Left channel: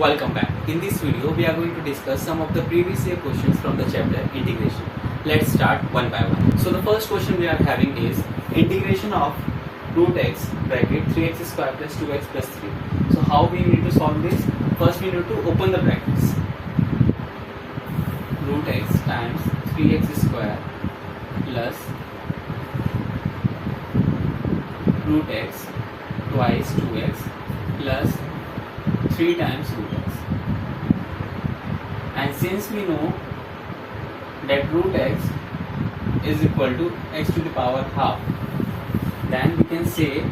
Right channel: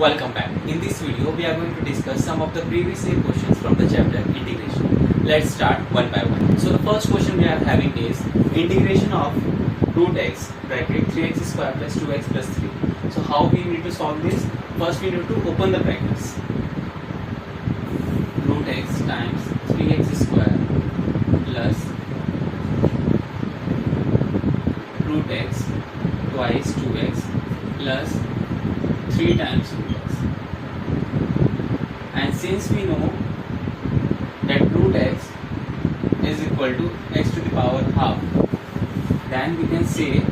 Welcome back. In this video, we are going to discuss some of the previous year questions from the chapter integration. Let's start one by one. So the first question we are having is integration of root x bracket 3x square plus 2x plus 3. So how we need to solve this? First we need to open the brackets. Root x times 3x square plus root x twice 2x plus 3 times root x. And since we know that root x is equal to x to the power half, then we can say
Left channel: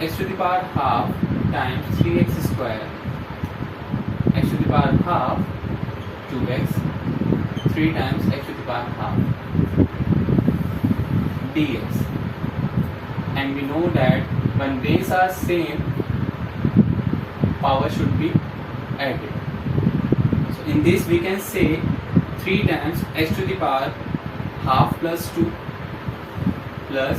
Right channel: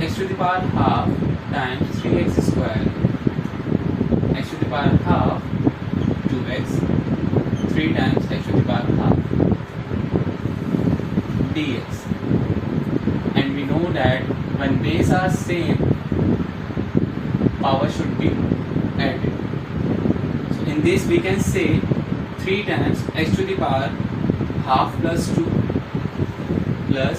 x to the power half times 3x square, x to the power half 2x, 3 times x to the power half dx. And we know that when base are same, power should be added. So in this we can say 3 times x to the power half plus 2 plus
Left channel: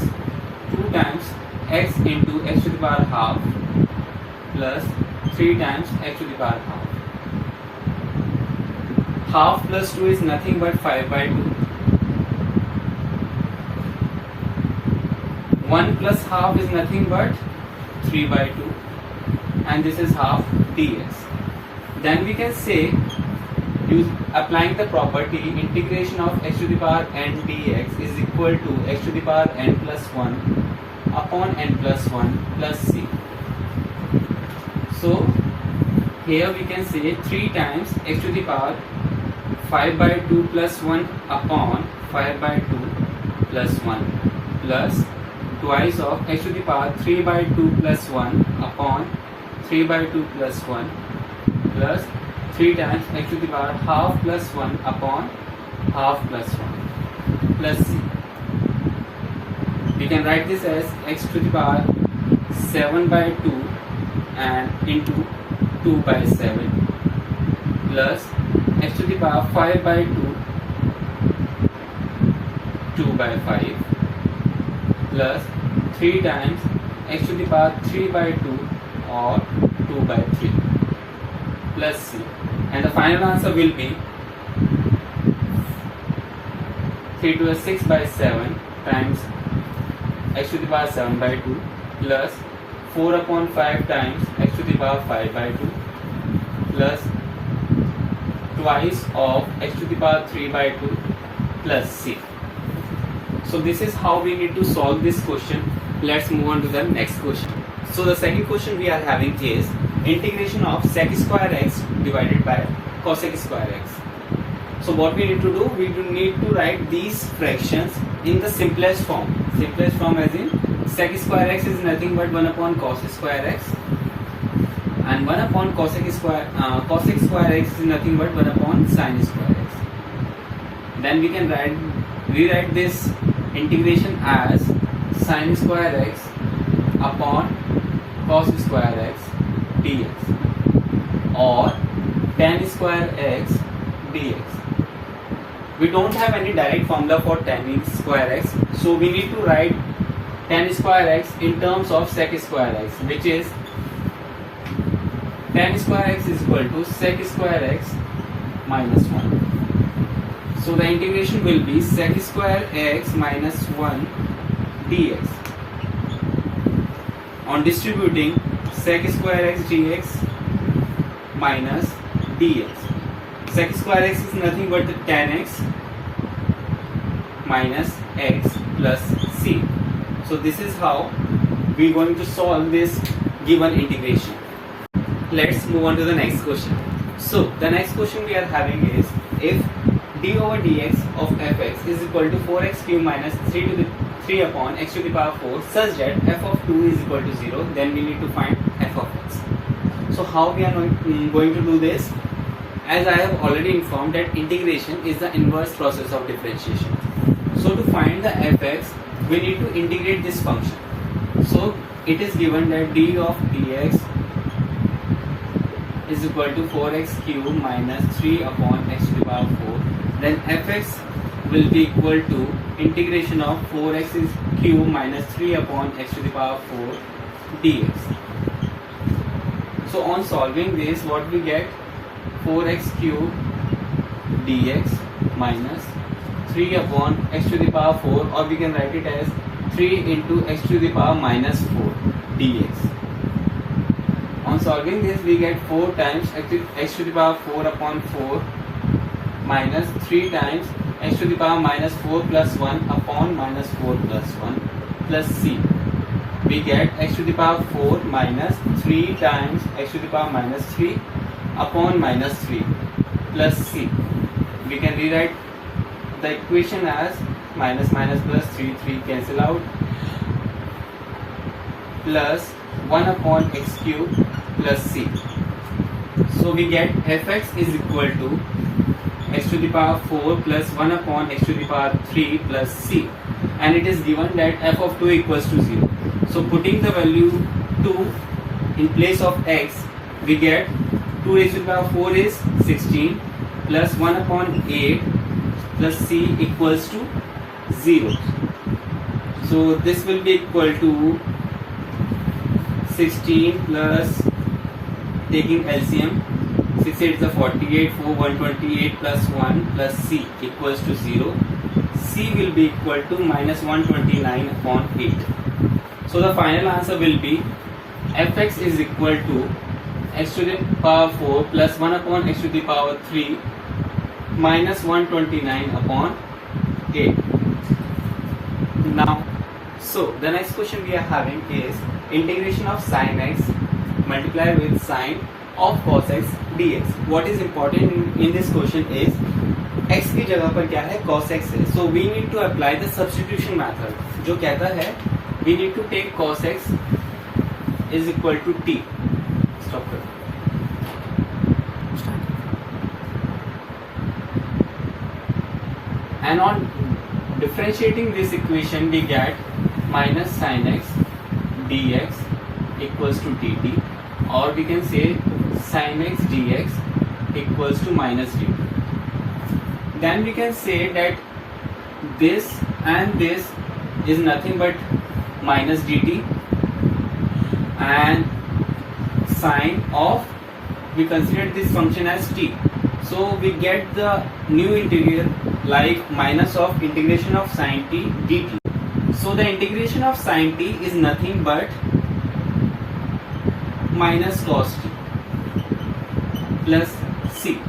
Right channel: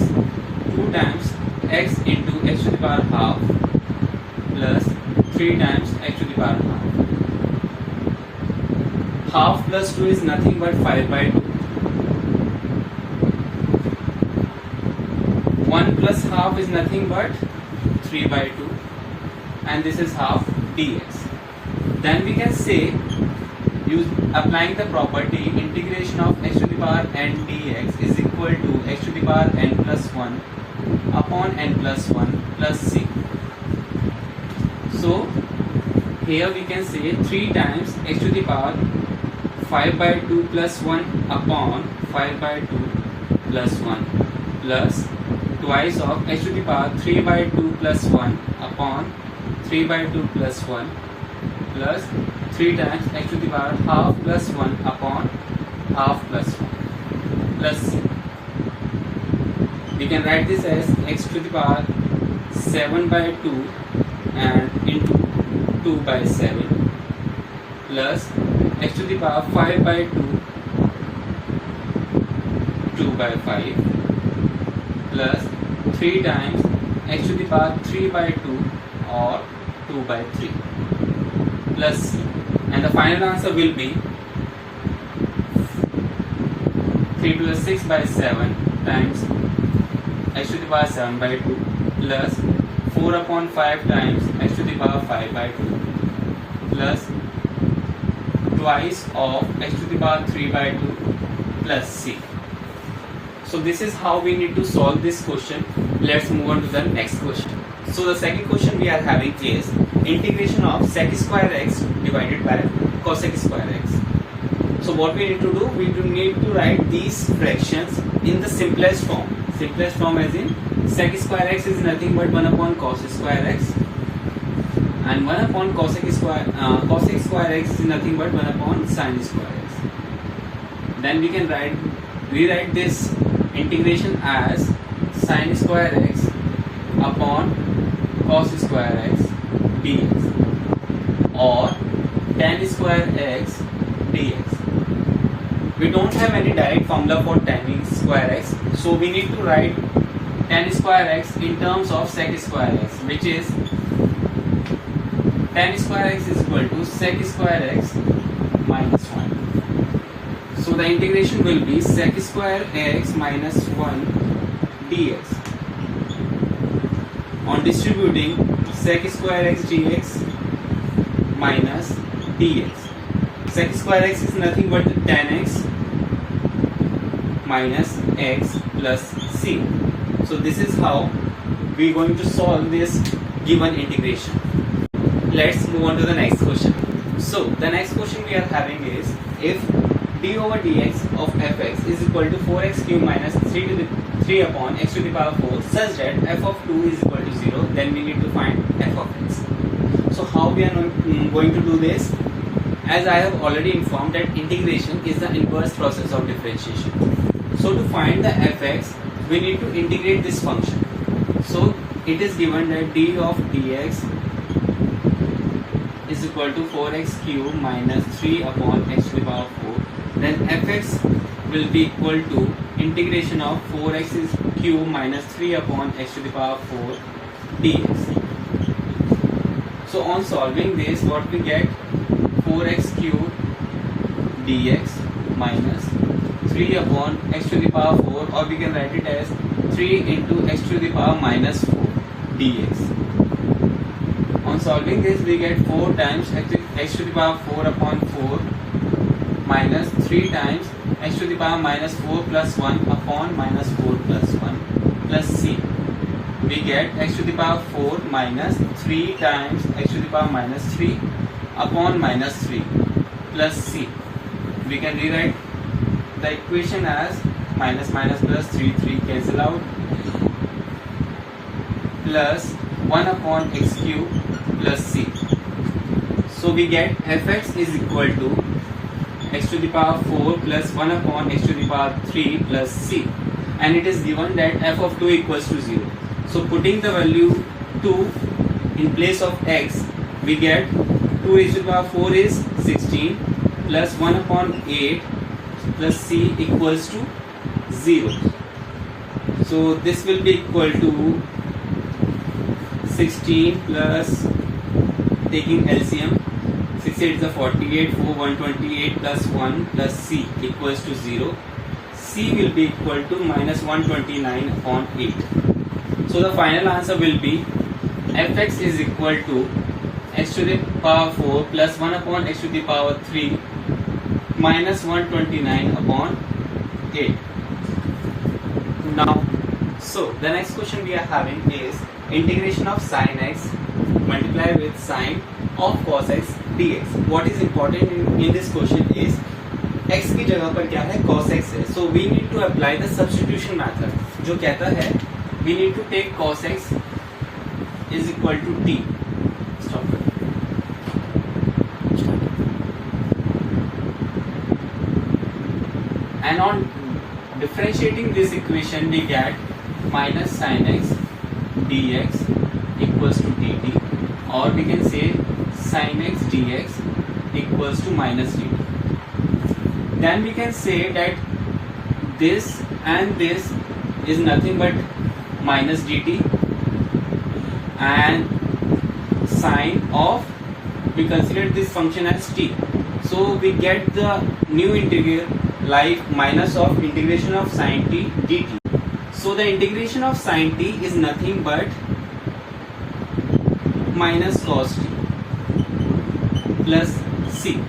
2 times x into x to the power half plus 3 times x to the power half. Half plus 2 is nothing but 5 by 2. 1 plus half is nothing but 3 by 2. And this is half dx. Then we can say, applying the property, integration of x to the power n dx is equal to x to the power n plus 1 upon n plus 1 plus c. So here we can say 3 times x to the power 5 by 2 plus 1 upon 5 by 2 plus 1 plus twice of x to the power 3 by 2 plus 1 upon 3 by 2 plus 1 plus 3 times x to the power half plus 1 upon half plus 1 plus c. We can write this as x to the power 7 by 2 and into 2 by 7 plus x to the power 5 by 2 2 by 5 plus 3 times x to the power 3 by 2 or 2 by 3 plus c. And the final answer will be 3 to the 6 by 7 times x to the power 7 by 2 plus 4 upon 5 times x to the power 5 by 2 plus twice of x to the power 3 by 2 plus c. So this is how we need to solve this question. Let's move on to the next question. So the second question we are having is integration of sec square x divided by cosec square x. So what we need to do, we do need to write these fractions in the simplest form. Simplest form as in sec square x is nothing but 1 upon cos square x and 1 upon cosec square x is nothing but 1 upon sin square x. Then we can rewrite this integration as sin square x upon cos square x dx or tan square x dx. We don't have any direct formula for tan square x, so we need to write tan square x in terms of sec square x, which is tan square x is equal to sec square x minus 1. So the integration will be sec square x minus 1 dx on distributing sec square x dx minus dx. Sec square x is nothing but tan x minus x plus c. So this is how we are going to solve this given integration. Let's move on to the next question. So the next question we are having is, if d over dx of fx is equal to 4x cube minus 3 upon x to the power 4 such that f of 2 is equal to 0, then we need to find f of x. So how we are going to do this? As I have already informed that integration is the inverse process of differentiation. So to find the fx, we need to integrate this function. So it is given that d of dx is equal to 4x cube minus 3 upon x to the power 4. Then fx will be equal to integration of 4x cube minus 3 upon x to the power 4 dx. So on solving this, what we get? 4x cubed dx minus 3 upon x to the power 4, or we can write it as 3 into x to the power minus 4 dx. On solving this, we get 4 times x to the power 4 upon 4 minus 3 times x to the power minus 4 plus 1 upon minus 4 plus 1 plus c. We get x to the power 4 minus 3 times x to the power minus 3 upon minus 3 plus c. We can rewrite the equation as minus minus plus 3 cancel out, plus 1 upon x cube plus c. So we get fx is equal to x to the power 4 plus 1 upon x to the power 3 plus c, and it is given that f of 2 equals to 0. So putting the value 2 in place of x, we get 2 raised to the power 4 is 16 plus 1 upon 8 plus c equals to 0. So this will be equal to 16 plus, taking LCM, 6 8 is 48, 4 128 plus 1 plus c equals to 0. C will be equal to minus 129 upon 8. So the final answer will be fx is equal to x to the power 4 plus 1 upon x to the power 3 minus 129 upon 8. Now, so the next question we are having is integration of sin x multiplied with sine of cos x dx. What is important in this question is x की जगह पर क्या है, cos x है. So we need to apply the substitution method, जो कहता है we need to take cos x is equal to t. Stop it. And on differentiating this equation, we get minus sin x dx equals to dt, or we can say sin x dx equals to minus dt. Then we can say that this and this is nothing but minus dt, and sine of, we consider this function as t. So we get the new integral like minus of integration of sin t dt. So the integration of sin t is nothing but minus cos t plus c.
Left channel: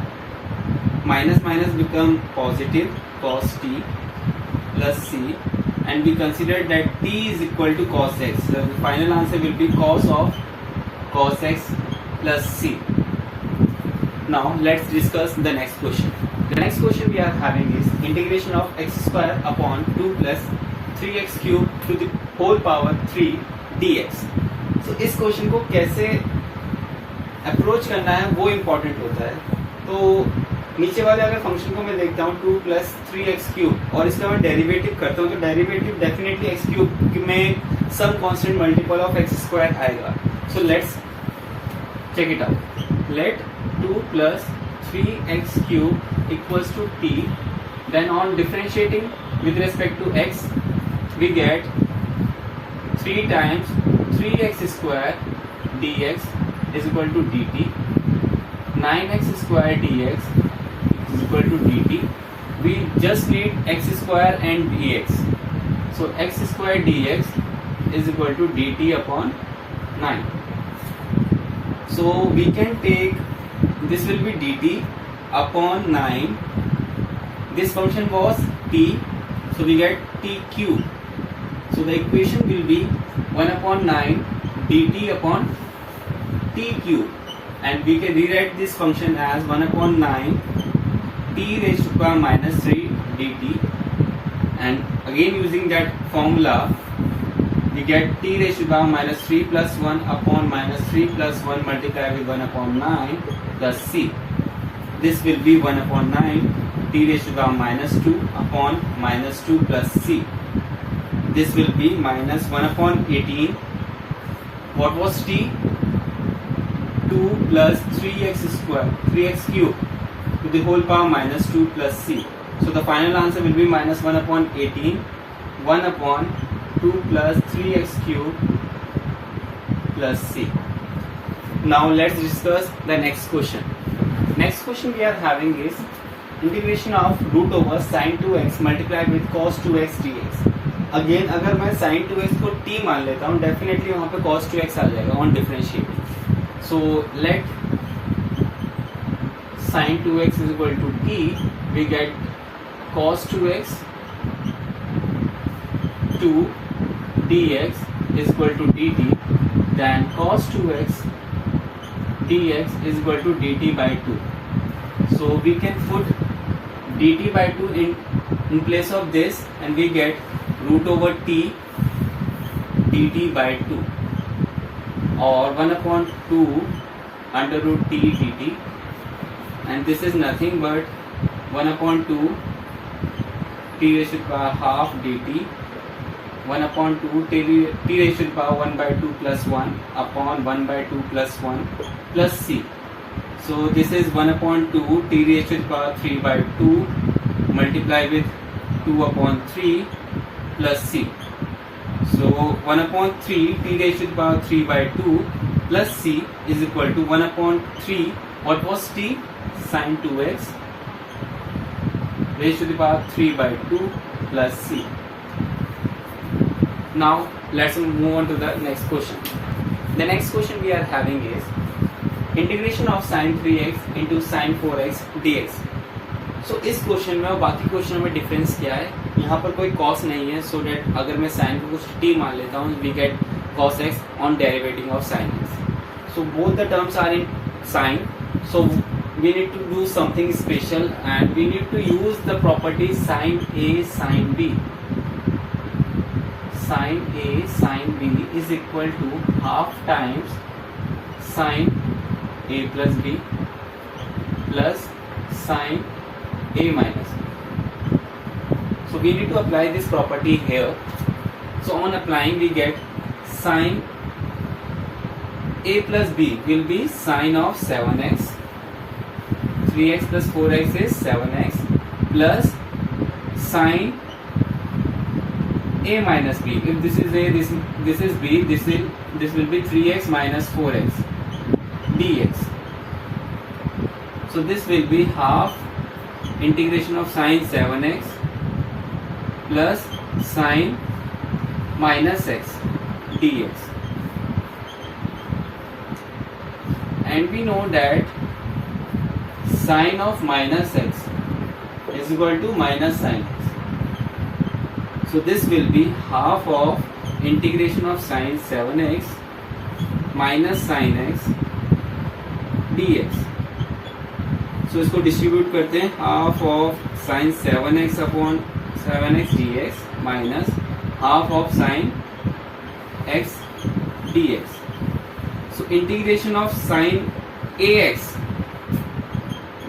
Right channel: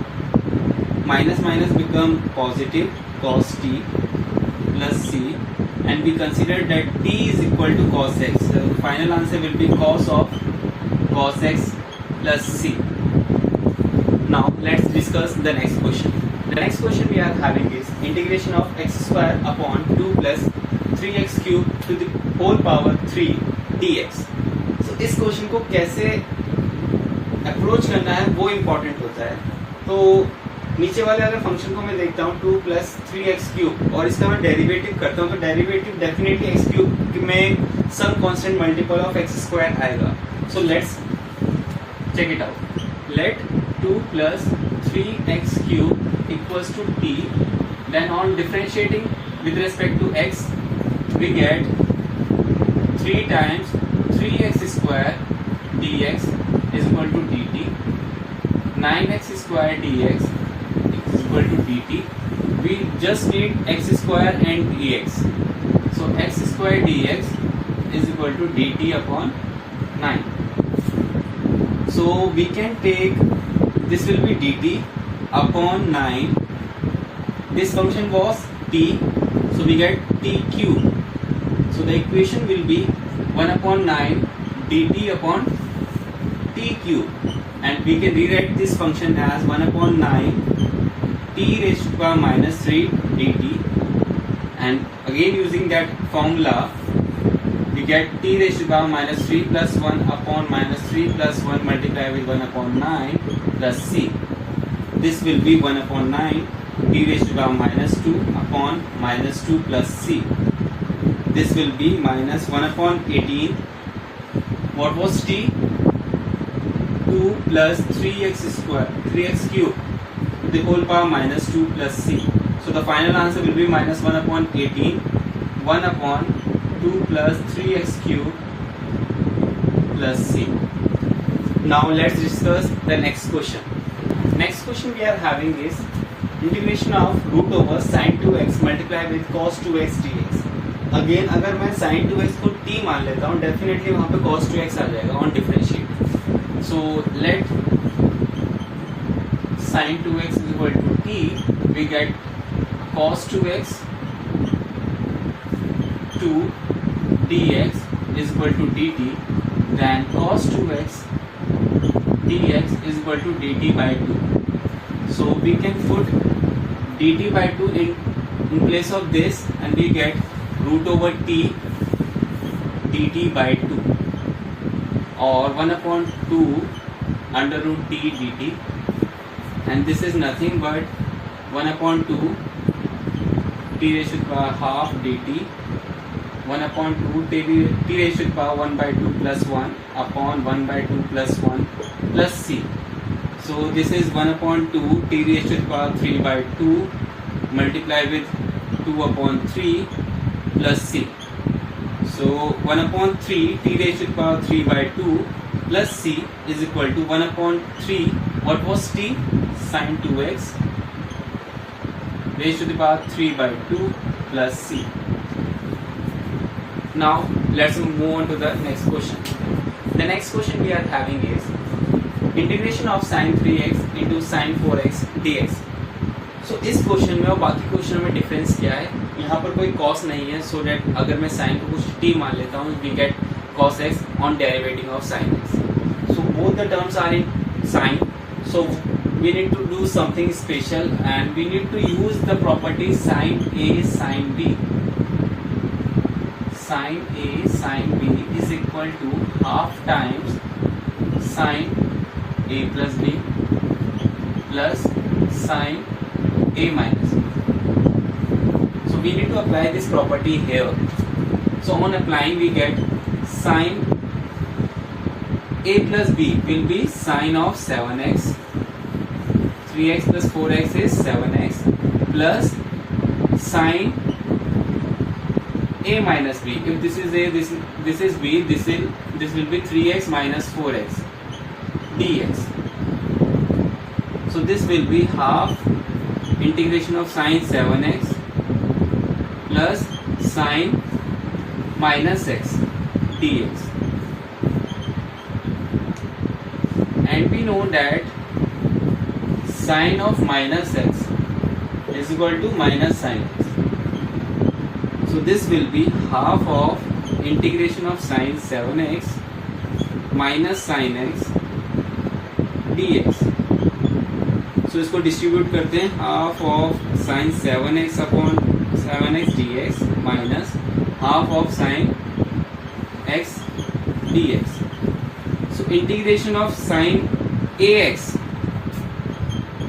Minus minus become positive, cos t plus c, and we consider that t is equal to cos x. So the final answer will be cos of cos x plus c. Now let's discuss the next question. The next question we are having is integration of x square upon 2 plus 3x cube to the whole power 3 dx. So इस question को कैसे approach करना है वो important होता है. तो नीचे वाले अगर फंक्शन को मैं देखता हूँ 2 प्लस 3x क्यूब, और इसका मैं डेरिवेटिव करता हूँ, तो डेरिवेटिव डेफिनेटली x क्यूब में some constant multiple of x square आएगा. So let's check it out. Let 2 plus 3x cube equals to t. Then on differentiating with respect to x, we get 3 times 3x square dx is equal to dt. 9x square dx is equal to dt. We just need x square and dx. So x square dx is equal to dt upon 9. So we can take, this will be dt upon 9. This function was t, so we get t cube. So the equation will be 1 upon 9 dt upon t cube, and we can rewrite this function as 1 upon 9 t raised to the power minus 3 dt, and again using that formula we get t raised to the power minus 3 plus 1 upon minus 3 plus 1 multiplied with 1 upon 9 plus c. This will be 1 upon 9 t raised to the power minus 2 upon minus 2 plus c. This will be minus 1 upon 18. What was t? 2 plus 3x square, 3x cube to the whole power minus 2 plus c. So the final answer will be minus 1 upon 18, 1 upon 2 plus 3x cube plus c. Now let's discuss the next question. Next question we are having is integration of root over sin 2x multiplied with cos 2x dx. Again अगर मैं sin 2x को t मान लेता हूँ, definitely वहां पे cos 2x आ जाएगा on differentiate. So let sin 2x is equal to t, we get cos 2x 2 dx is equal to dt, then cos 2x dx is equal to dt by 2. So we can put dt by 2 in place of this and we get root over t dt by 2 or 1 upon 2 under root t dt, and this is nothing but 1 upon 2 t raised to the power half dt, 1 upon 2 t raised to the power 1 by 2 plus 1 upon 1 by 2 plus 1 plus c. So this is 1 upon 2 t raised to the power 3 by 2 multiply with 2 upon 3 plus c. So 1 upon 3 t raised to the power 3 by 2 plus c is equal to 1 upon 3. What was t? Sin 2x raised to the power 3 by 2 plus c. Now let's move on to the next question. The next question we are having is integration of sin 3x into sin 4x dx. So इस question में और बाकी question में difference क्या है? यहाँ पर कोई cos नहीं है, so that अगर मैं sin को कुछ t मान लेता हूँ, we get cos x on derivative of sin x. So both the terms are in sin. So we need to do something special and we need to use the property sin a sin b. Sin a sin b is equal to half times sin a plus b plus sin a minus b. So we need to apply this property here. So on applying we get sin a plus b will be sin of 7x, 3x plus 4x is 7x plus sin a minus b. If this is a, this is b, this will be 3x minus 4x dx. So this will be half integration of sin 7x plus sin minus x dx. And we know that sin of minus x is equal to minus sin x. So this will be half of integration of sin 7x minus sin x dx. So इसको distribute करते हैं, half of sin 7x upon 7x dx minus half of sin x dx. So integration of sin ax,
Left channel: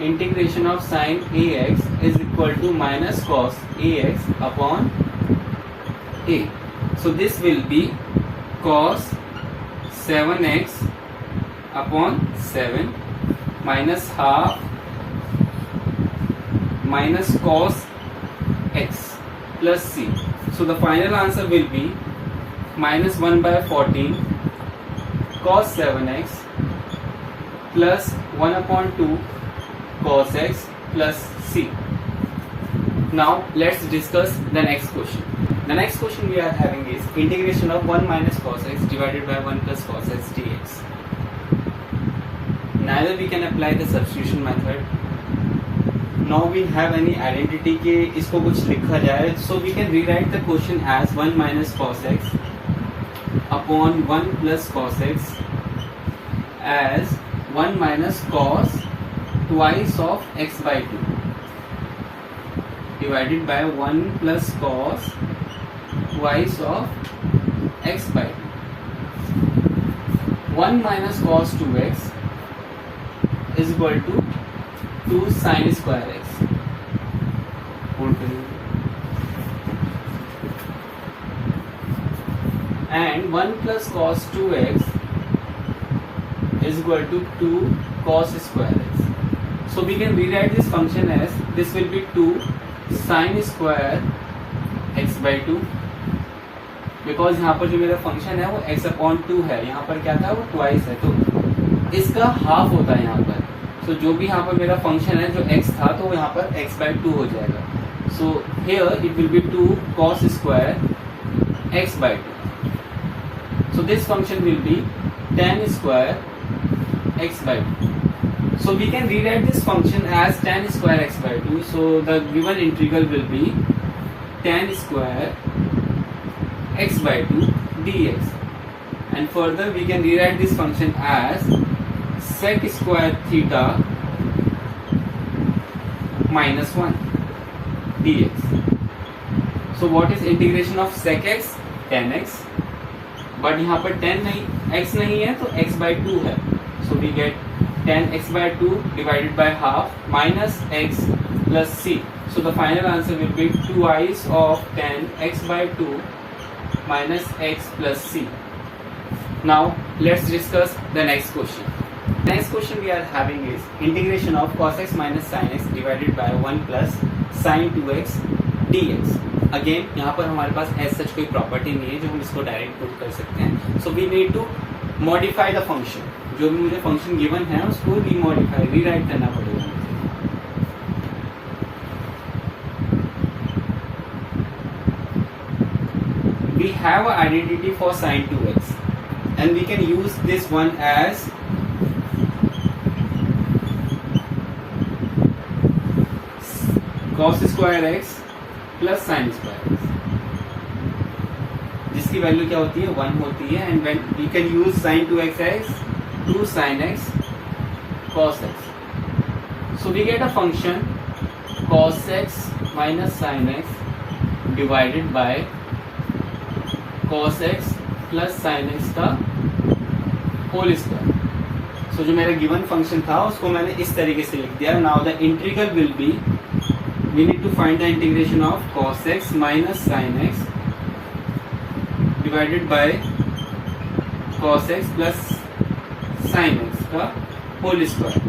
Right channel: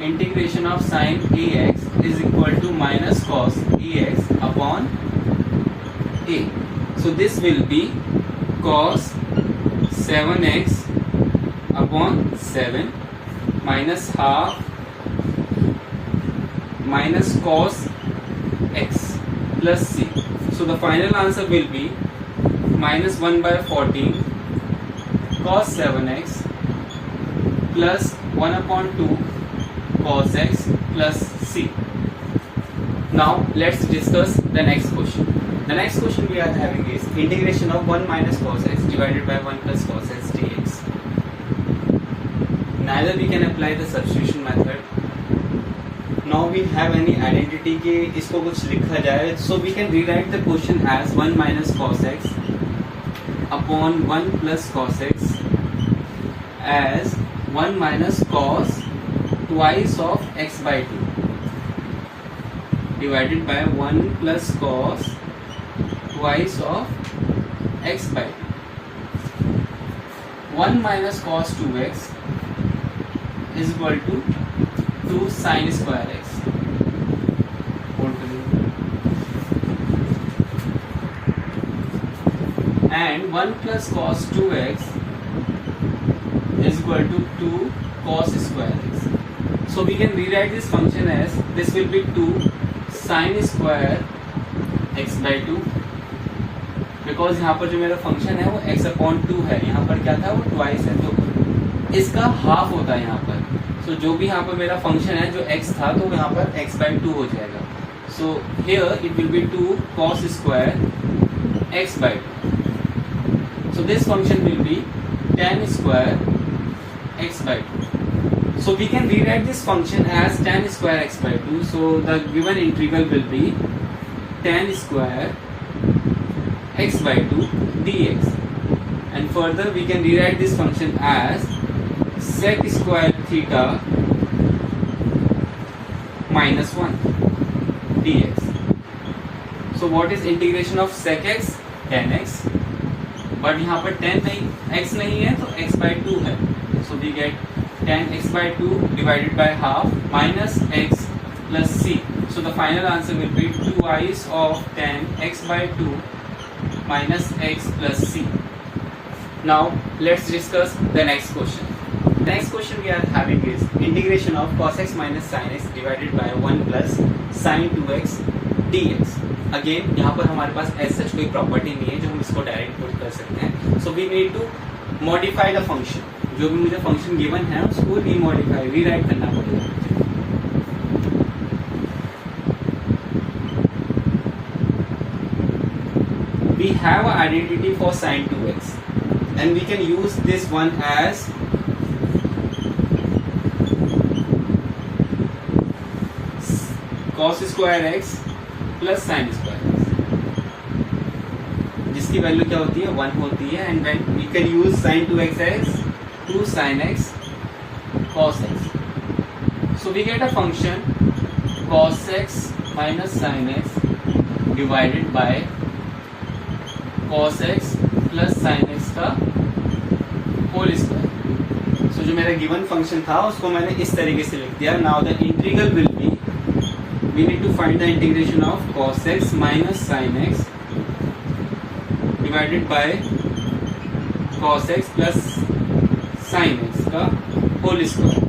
integration of sin ax is equal to minus cos ax upon a. So this will be cos 7x upon 7 minus half minus cos x plus c. So the final answer will be minus 1 by 14 cos 7x plus 1 upon 2 cos x plus c. Now let's discuss the next question. The next question we are having is integration of 1 minus cos x divided by 1 plus cos x dx. Neither we can apply the substitution method. Now we have any identity के इसको कुछ लिखा जाए, so we can rewrite the question as 1 minus cos x upon 1 plus cos x as 1 minus cos twice of x by 2 divided by 1 plus cos twice of x by 2. 1 minus cos 2x is equal to 2 sin square x. And 1 plus cos 2x is equal to 2 cos square x. So we can rewrite this function as this will be 2 sin square x by 2, because यहाँ पर जो मेरा function है वो x upon 2 है, यहाँ पर क्या था वो ट्वाइस है, तो इसका हाफ होता है यहाँ पर। सो जो भी यहाँ पर मेरा फंक्शन है जो x था तो यहाँ पर x/2 हो जाएगा। So here it will be 2 cos square x/2. So this function will be tan square x/2. So we can rewrite this function as tan square x/2. So the given integral will be tan square x/2 dx. And further we can rewrite this function as sec square theta minus 1 dx. So what is integration of sec x? tan x. But यहाँ पर tan नहीं, x नहीं है तो x/2 है. So we get tan x/2 divided by half minus x plus c. So the final answer will be 2i's of tan x/2 minus x plus c. Now let's discuss the next question. The next question we are having is integration of cos x minus sin x divided by 1 plus sin 2x dx. Again यहाँ पर हमारे पास as such कोई property नहीं है जो हम इसको direct put कर सकते हैं. So we need to modify the function. जो भी मुझे फंक्शन गिवन है उसको रीमॉडिफाई रीराइट करना पड़ेगा. We have an identity for sin 2x and we can use this one as cos square x plus sin square x, जिसकी value क्या होती है 1 होती है. And then we can use sin 2x as 2 sin x cos x. So we get a function cos x minus sin x divided by cos x plus sin x का whole square. सो जो मेरा given function था उसको मैंने इस तरीके से लिख दिया. Now the integral will be we need to find the integration of cos x minus sin x divided by cos x plus sin x का होल स्क्वायर.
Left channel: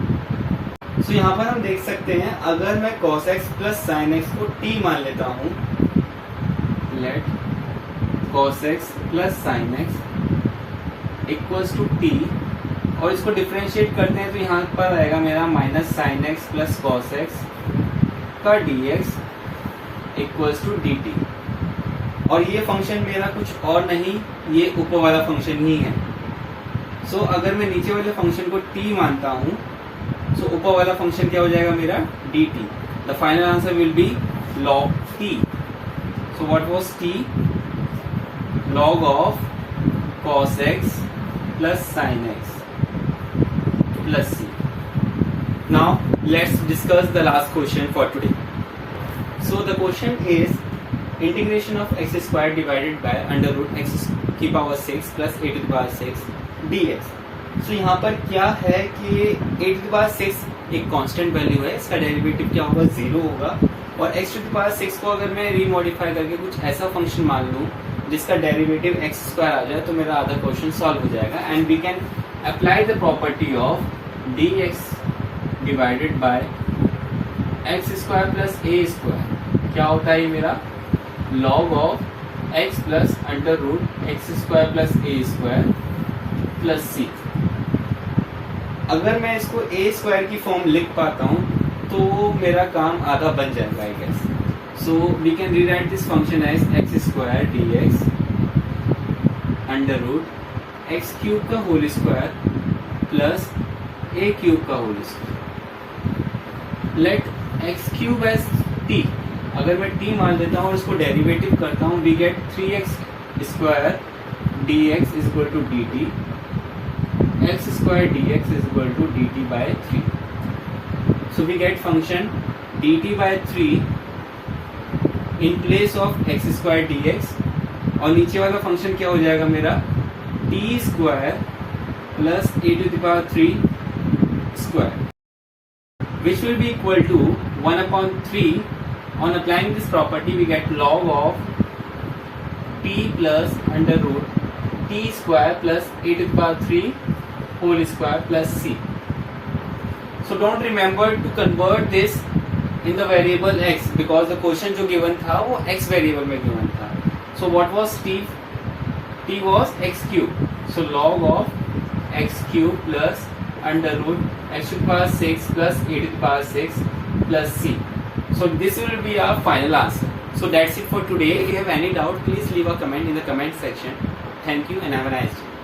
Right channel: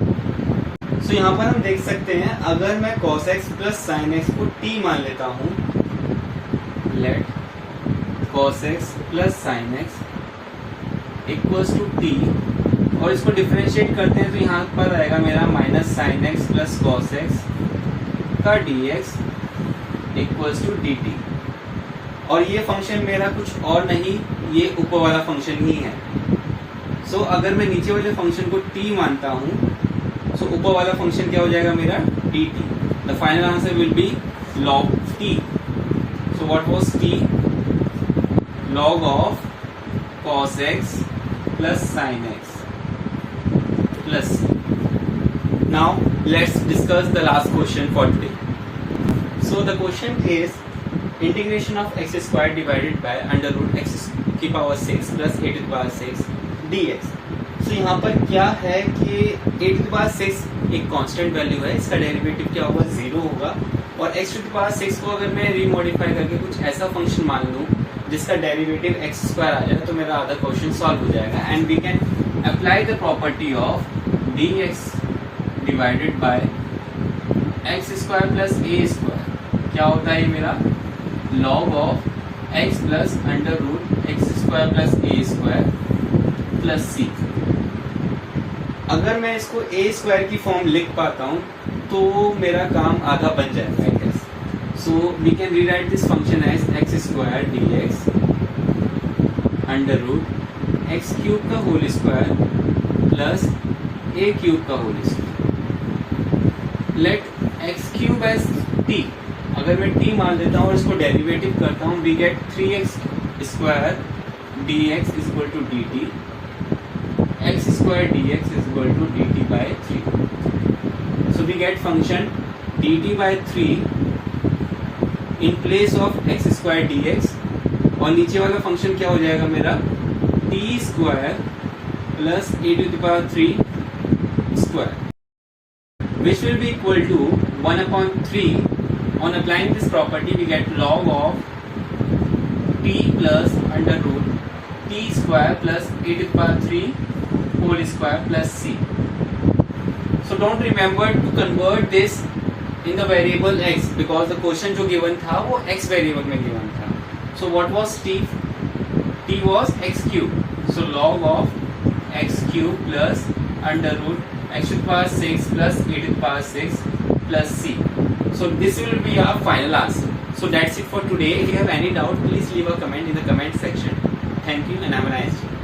सो यहाँ पर हम देख सकते हैं अगर मैं cos x plus sin x को t मान लेता हूँ, let cos x plus sin x equals to t, और इसको डिफरेंशिएट करते हैं तो यहाँ पर आएगा मेरा minus sine x plus cos x का dx इक्वल्स टू dt. और ये फंक्शन मेरा कुछ और नहीं, ये ऊपर वाला फंक्शन ही है. सो अगर मैं नीचे वाले फंक्शन को t मानता हूँ सो ऊपर वाला फंक्शन क्या हो जाएगा मेरा dt. The final answer will be log t. So what was t? log of cos x plus sin x plus c. Now let's discuss the last question for today. So the question is integration of x square divided by under root x to the power 6 plus a to the power 6 dx. So यहाँ पर क्या है कि a to the power 6 एक constant value है, इसका derivative क्या होगा 0 होगा. और x to the power 6 को अगर मैं रीमॉडिफाई करके कुछ ऐसा फंक्शन मान लूँ जिसका डेरिवेटिव एक्स स्क्वायर आ जाए तो मेरा आधा क्वेश्चन सॉल्व हो जाएगा. And we can apply the property of D X divided by X square plus A square. क्या होता है ये मेरा log of X plus under root X square plus A square plus C. अगर मैं इसको ए स्क्वायर की फॉर्म लिख पाता हूँ तो मेरा काम आधा बन जाएगा I guess. So we can rewrite this function as x square dx under root x cube का whole square plus a cube का whole square. Let x cube as t. अगर मैं t मान लेता हूँ और इसको डेरिवेटिव करता हूँ we get 3x square dx is equal to dt. x square dx is equal to dt by 3. So we get function dt by 3 in place of x square d x. और नीचे वाला function क्या हो जाएगा मेरा t square plus a to the power 3 square which will be equal to 1/3. On applying this property we get log of t plus under root t square plus a to the power 3 whole square plus c. So don't remember to convert this in the variable x because the question जो given था वो x variable में given था. So what was t? T was x cube. So log of x cube plus under root x to the power 6 plus a to the power 6 plus c. So this will be our final answer. So that's it for today. If you have any doubt, please leave a comment in the comment section. Thank you and have a nice day.